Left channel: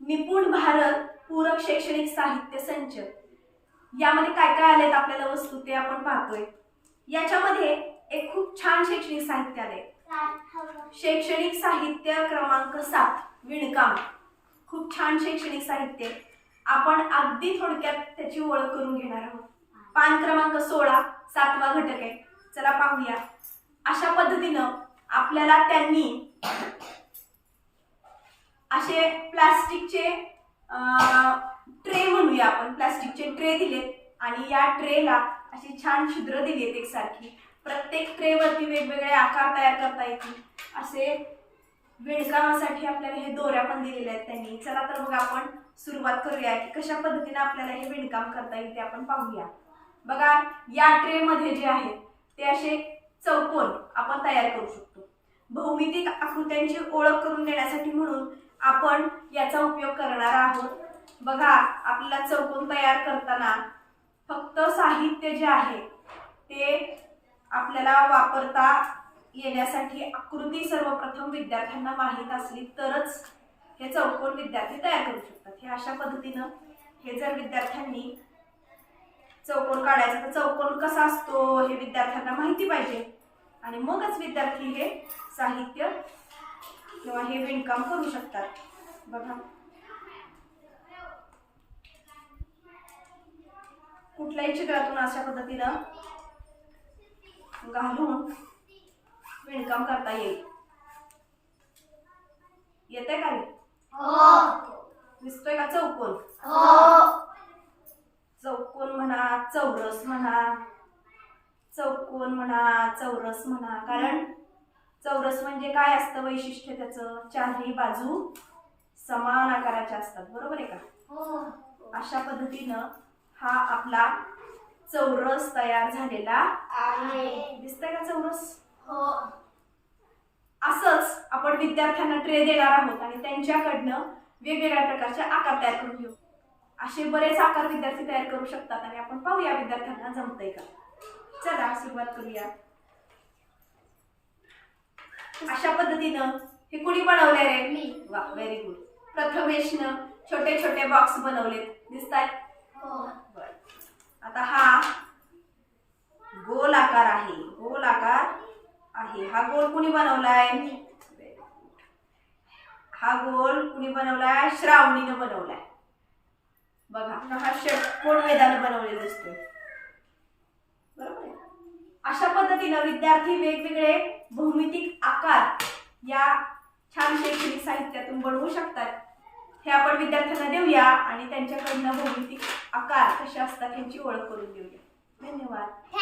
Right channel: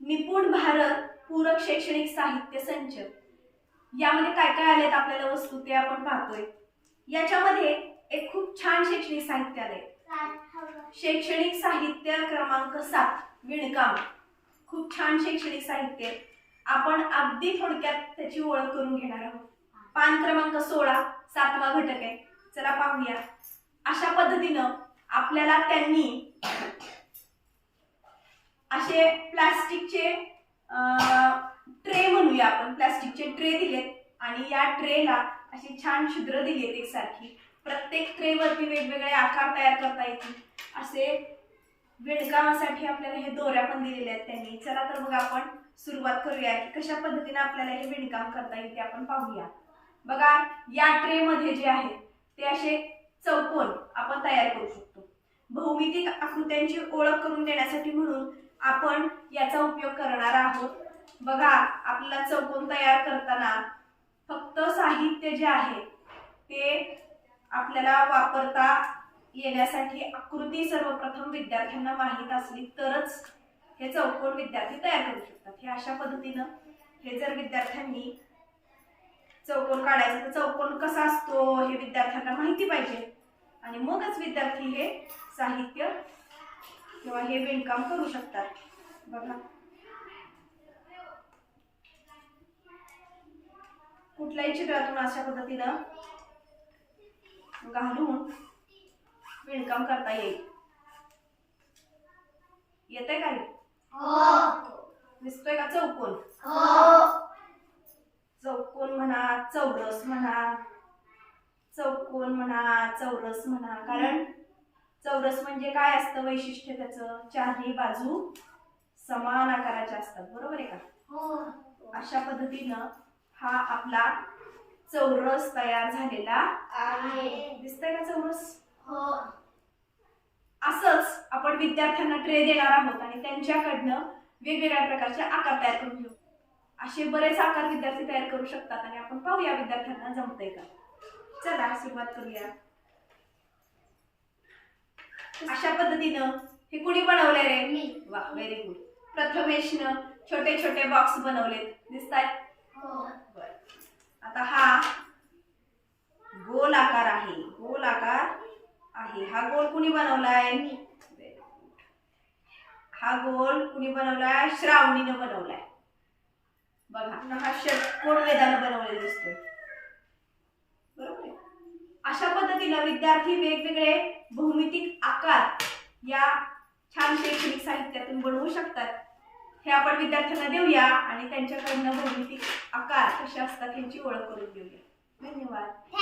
निपुण भारत पूरक शैक्षणिक साहित्य संच. यामध्ये काय काय आलेत आपल्याला वस्तू ते आपण पाहतोय. याच्यामध्ये एक खूप छान शैक्षणिक साहित्य आलंय. शैक्षणिक साहित्य क्रमांक सात विणकाम. खूप छान शैक्षणिक साहित्य. आहे. आपण अगदी थोडक्यात त्याची ओळख करून घेणार आहोत. पान क्रमांक सोळा सातवा घटक आहे. चला पाहूया. अशा पद्धतीनं आपल्याला त्यांनी असे प्लास्टिकचे ट्रे म्हणूया आपण. प्लास्टिकचे ट्रे दिलेत आणि या ट्रेला अशी छान छिद्र दिली आहेत एकसारखी. प्रत्येक ट्रेवरती वेगवेगळे आकार तयार करता येतील. असे विणकामासाठी आपल्याला हे दोऱ्या पण दिलेल्या आहेत त्यांनी. चला तर मग आपण सुरुवात करूया की कशा पद्धतीने आपल्याला हे विणकाम करता येईल ते आपण पाहूया. बघा या ट्रेमध्ये जे आहेत ते असे चौकोन आपण तयार करू शकतो. भौमितिक आकृत्यांची ओळख करून देण्यासाठी म्हणून आपण याचा उपयोग करणार आहोत. बघा आपला चौकोन तयार करताना फक्त साहित्य जे आहे ते आपल्याला वापरता येण्यासाठी आकृती सर्वप्रथम विद्यार्थ्यांना माहीत असली तरच हे चौकोन विद्यार्थी तयार करू शकतात. हे अशा पद्धतीनं हे जर विद्यार्थ्यांनी चौकोन काढायचं तर चौकोन कसा असतो हे विद्यार्थ्यांना माहिती पाहिजे. आणि मगच विद्यार्थी हे साहित्य किंवा हे विणकाम करू शकतात. बघा. कुठल्याही चित्रातून अशा पद्धतीनं घालून विणकाम करता येईल. येते का रे? दिसतोय का चौकोन? चौकोन म्हणा चौरस म्हणा चौकोन म्हणा चौरस म्हणा. कारण चौरस म्हणजे काय असतं वैशिष्ट्य त्याचं? चारही बाजू समान आकाराच्या असतात. बरोबर आहे का? अशा पद्धतीनं हा आपला चौरस तयार झालेला दिसतंय का चौरस? असंच आपण विद्यार्थ्यांना ट्रे देणार आहोत आणि त्यांच्याकडनं वेगवेगळ्या प्रकारचे आकार तयार करून घेऊ. असे बरेच आकार विद्यार्थी तयार करू शकतात आणि आपण पाहूया विद्यार्थ्यांना जमतंय का? चला सुरुवात करूया. अशा पद्धतीनं हे कुणी बनवलंय रे? मी. वा व्हेरी गुड प्रथमेशनं छोटे छोटे बॉक्स बनवलेत. दिसतायत बर. आता हा गोल आकार आहे. गोल आकार आहे. हा गोल कुणी बनवलाय. हा गोल कुणी बनवलाय? श्रावणीनं बनवलाय. बघा हा षटकोन वेदानं बनवलेला दिसतोय? अशा पद्धतीनं विद्यार्थी वेगवेगळे भौमितिक आकार या छान शैक्षणिक साहित्यातून बनवू शकतात. हे आपण विद्यार्थ्यांना देऊया आणि त्यांच्याकडनं भौमितिक आकार कसे असतात यांची ओळख करून देऊया. धन्यवाद.